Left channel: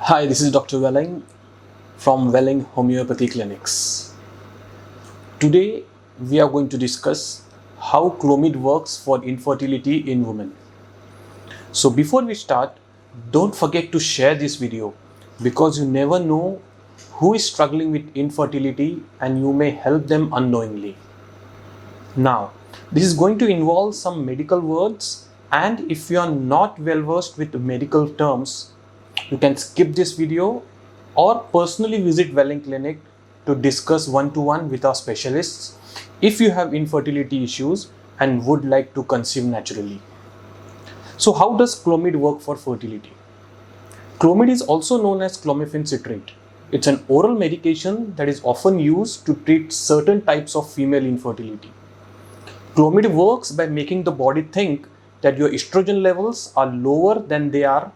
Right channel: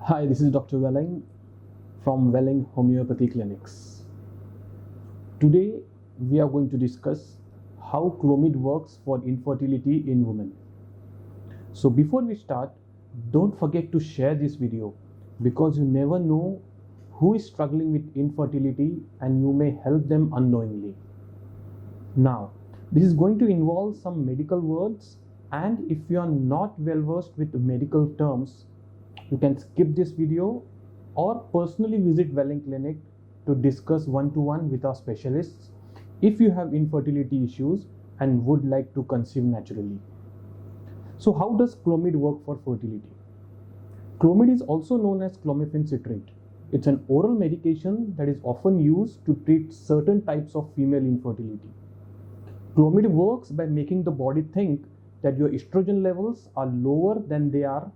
Hi, this is Dr. Welling from Welling Homeopathy Clinics. Today, we are going to discuss how Clomid works for infertility in women. So before we start, don't forget to share this video because you never know who is struggling with infertility and you may help them unknowingly. Now, this is going to involve some medical words, and if you are not well versed with medical terms, you can skip this video or personally visit Welling Clinic to discuss one-to-one with our specialists if you have infertility issues and would like to conceive naturally. So how does Clomid work for fertility? Clomid is also known as clomiphene citrate. It's an oral medication that is often used to treat certain types of female infertility. Clomid works by making the body think that your estrogen levels are lower than they are,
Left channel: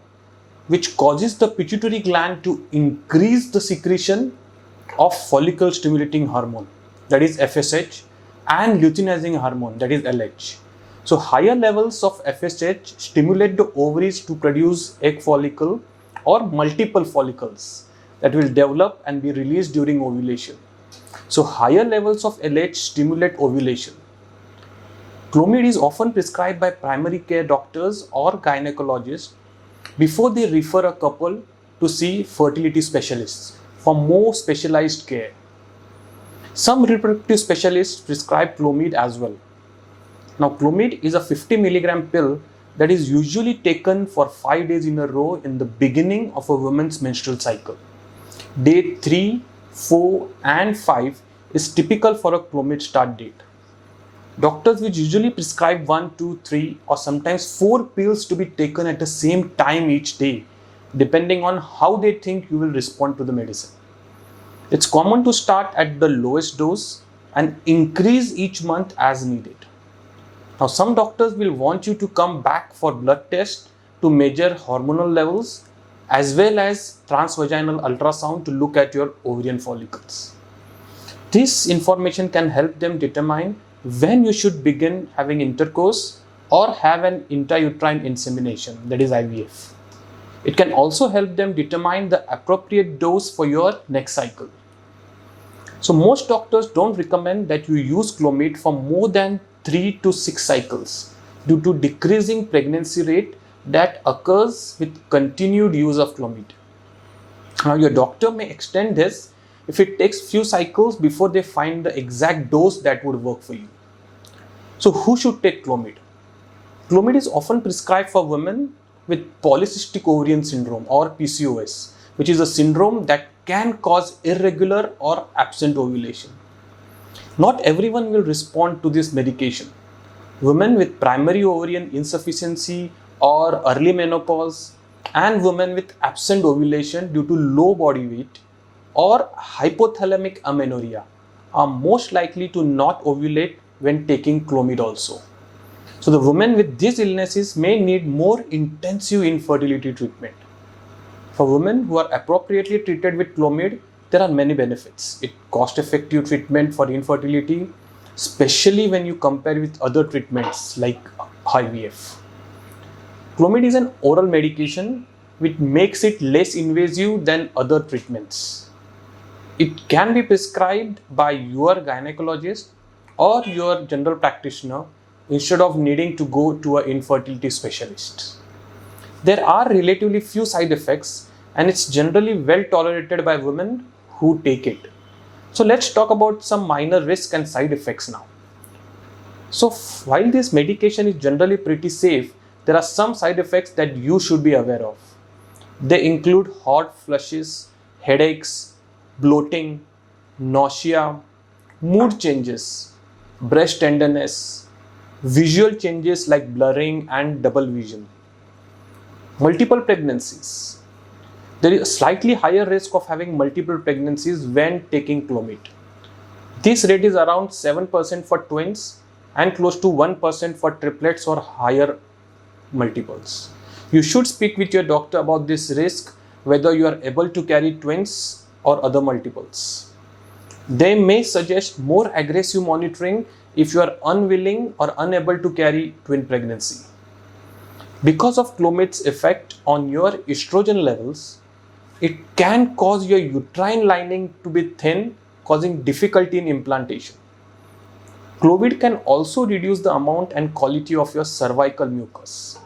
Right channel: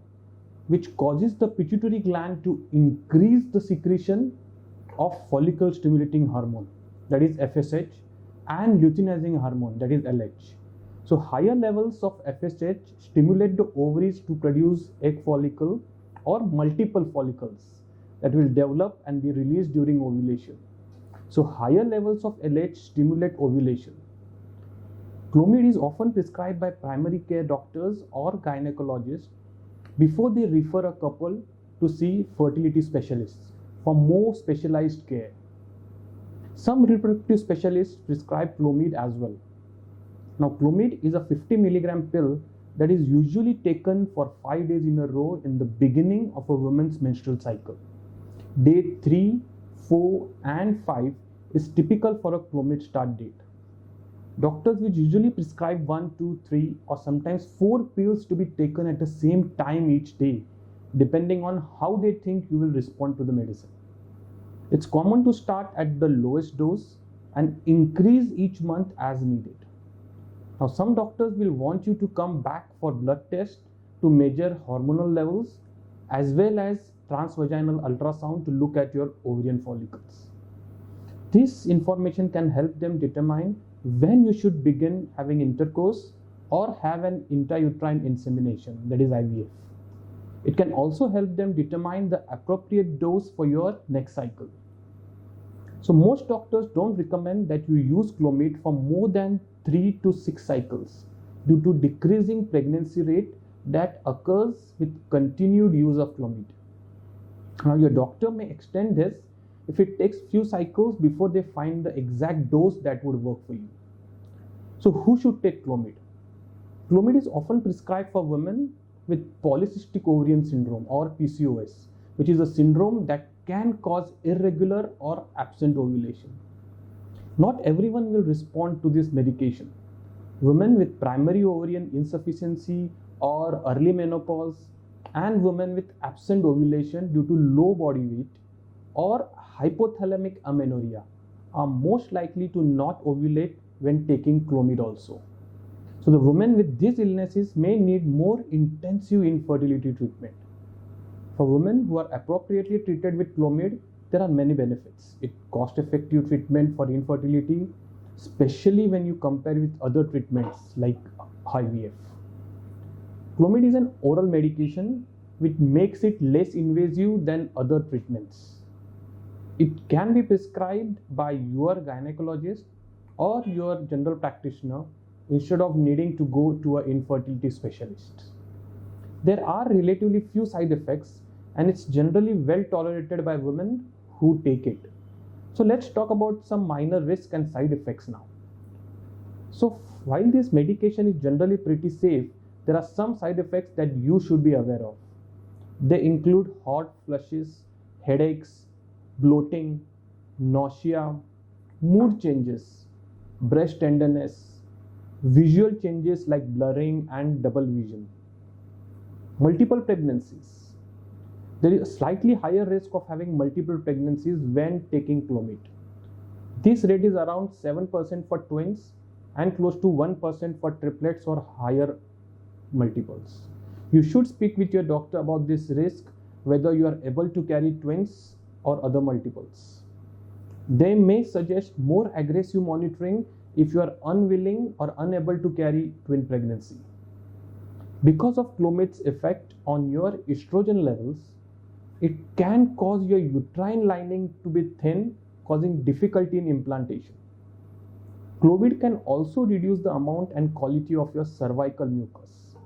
which causes the pituitary gland to increase the secretion of follicle stimulating hormone, that is FSH, and luteinizing hormone, that is LH. So higher levels of FSH stimulate the ovaries to produce egg follicle or multiple follicles that will develop and be released during ovulation. So higher levels of LH stimulate ovulation. Clomid is often prescribed by primary care doctors or gynecologists before they refer a couple to see fertility specialists for more specialized care. Some reproductive specialists prescribe Clomid as well. Now, Clomid is a 50 milligram pill that is usually taken for 5 days in a row in the beginning of a woman's menstrual cycle. Day 3, 4, and 5 is typical for a Clomid start date. Doctors will usually prescribe 1, 2, 3, or sometimes 4 pills to be taken at the same time each day, depending on how they think you will respond to the medicine. It's common to start at the lowest dose and increase each month as needed. Now, some doctors will want you to come back for blood tests to measure hormonal levels as well as transvaginal ultrasound to look at your ovarian follicles. This information can help them determine when you should begin having intercourse or have an intrauterine insemination, that is IVF. It can also help them determine the appropriate dose for your next cycle. So most doctors don't recommend that you use Clomid for more than 3 to 6 cycles due to decreasing pregnancy rate that occurs with continued use of Clomid. Now your doctor may extend this if it takes few cycles before they find the exact dose that would work for you. So who should take Clomid? Clomid is often prescribed for women with polycystic ovarian syndrome or PCOS, which is a syndrome that can cause irregular or absent ovulation. Not everyone will respond to this medication. Women with primary ovarian insufficiency or early menopause and women with absent ovulation due to low body weight or hypothalamic amenorrhea are most likely to not ovulate when taking Clomid also. So the women with these illnesses may need more intensive infertility treatment. For women who are appropriately treated with Clomid, there are many benefits. It's cost-effective treatment for infertility, especially when you compare with other treatments like IVF. Clomid is an oral medication which makes it less invasive than other treatments. It can be prescribed by your gynecologist or your general practitioner instead of needing to go to an infertility specialist. There are relatively few side effects and it's generally well tolerated by women who take it. So let's talk about some minor risks and side effects now. So while this medication is generally pretty safe, there are some side effects that you should be aware of. They include hot flushes, headaches, bloating, nausea, mood changes, breast tenderness, visual changes like blurring and double vision. Multiple pregnancies. There is a slightly higher risk of having multiple pregnancies when taking Clomid. This rate is around 7% for twins and close to 1% for triplets or higher multiples. You should speak with your doctor about this risk, whether you are able to carry twins or other multiples. They may suggest more aggressive monitoring if you are unwilling or unable to carry twin pregnancy. Because of Clomid's effect on your estrogen levels, it can cause your uterine lining to be thin, causing difficulty in implantation. Chlomid can also reduce the amount and quality of your cervical mucus.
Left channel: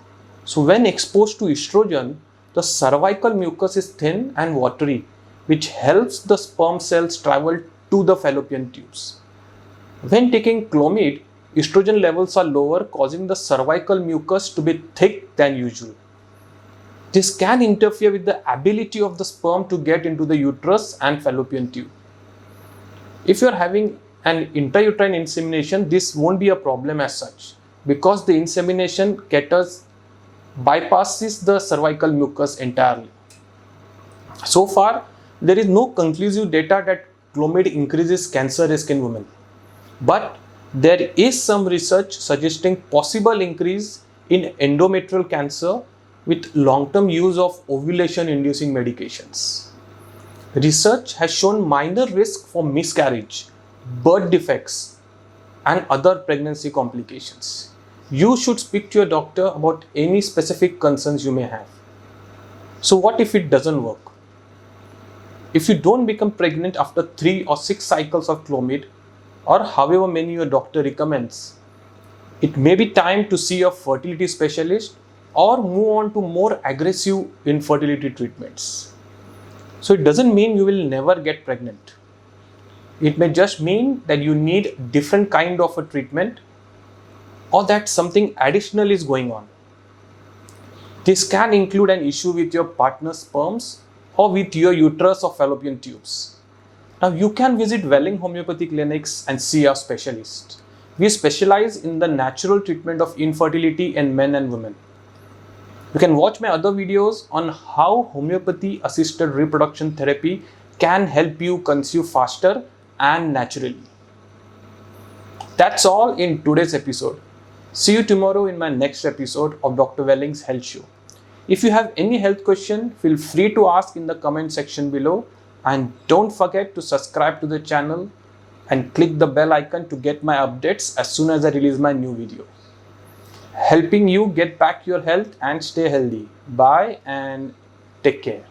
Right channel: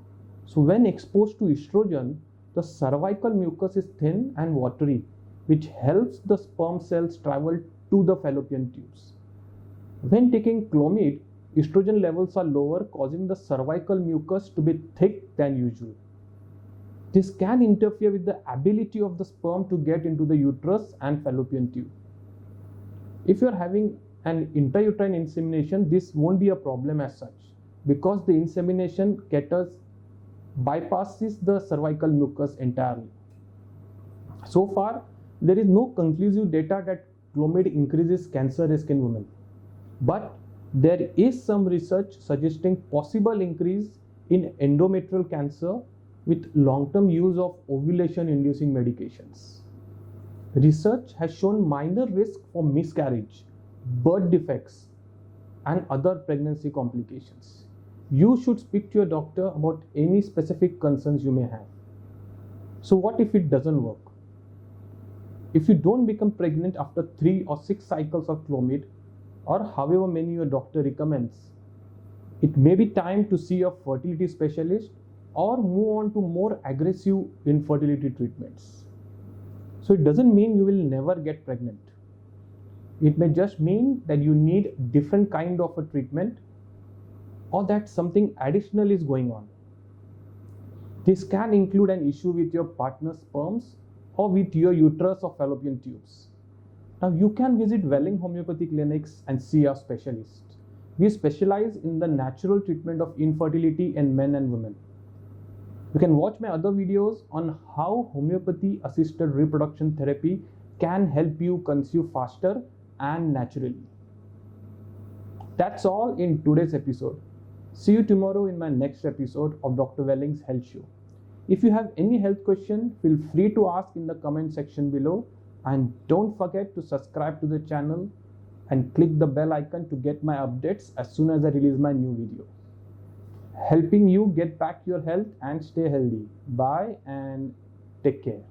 So when exposed to estrogen, the cervical mucus is thin and watery, which helps the sperm cells travel to the fallopian tubes. When taking Chlomid, estrogen levels are lower, causing the cervical mucus to be thick than usual. This can interfere with the ability of the sperm to get into the uterus and fallopian tube. If you are having an intrauterine insemination, this won't be a problem as such, because the insemination catheters bypasses the cervical mucus entirely. So far, there is no conclusive data that Chlomid increases cancer risk in women. But there is some research suggesting possible increase in endometrial cancer with long-term use of ovulation-inducing medications. Research has shown minor risk for miscarriage, birth defects, and other pregnancy complications. You should speak to your doctor about any specific concerns you may have. So what if it doesn't work? If you don't become pregnant after 3 or 6 cycles of Chlomid, or however many your doctor recommends, it may be time to see a fertility specialist or move on to more aggressive infertility treatments. So it doesn't mean you will never get pregnant. It may just mean that you need different kind of a treatment, or that something additional is going on. This can include an issue with your partner's sperms or with your uterus or fallopian tubes. Now you can visit Welling Homeopathy clinics and see our specialist. We specialize in the natural treatment of infertility in men and women. You can watch my other videos on how Homeopathy Assisted Reproduction Therapy can help you conceive faster and naturally. That's all in today's episode. See you tomorrow in my next episode of Dr. Welling's Health Show. If you have any health question, feel free to ask in the comment section below, and don't forget to subscribe to the channel and click the bell icon to get my updates as soon as I release my new video. Helping you get back your health and stay healthy. Bye and take care.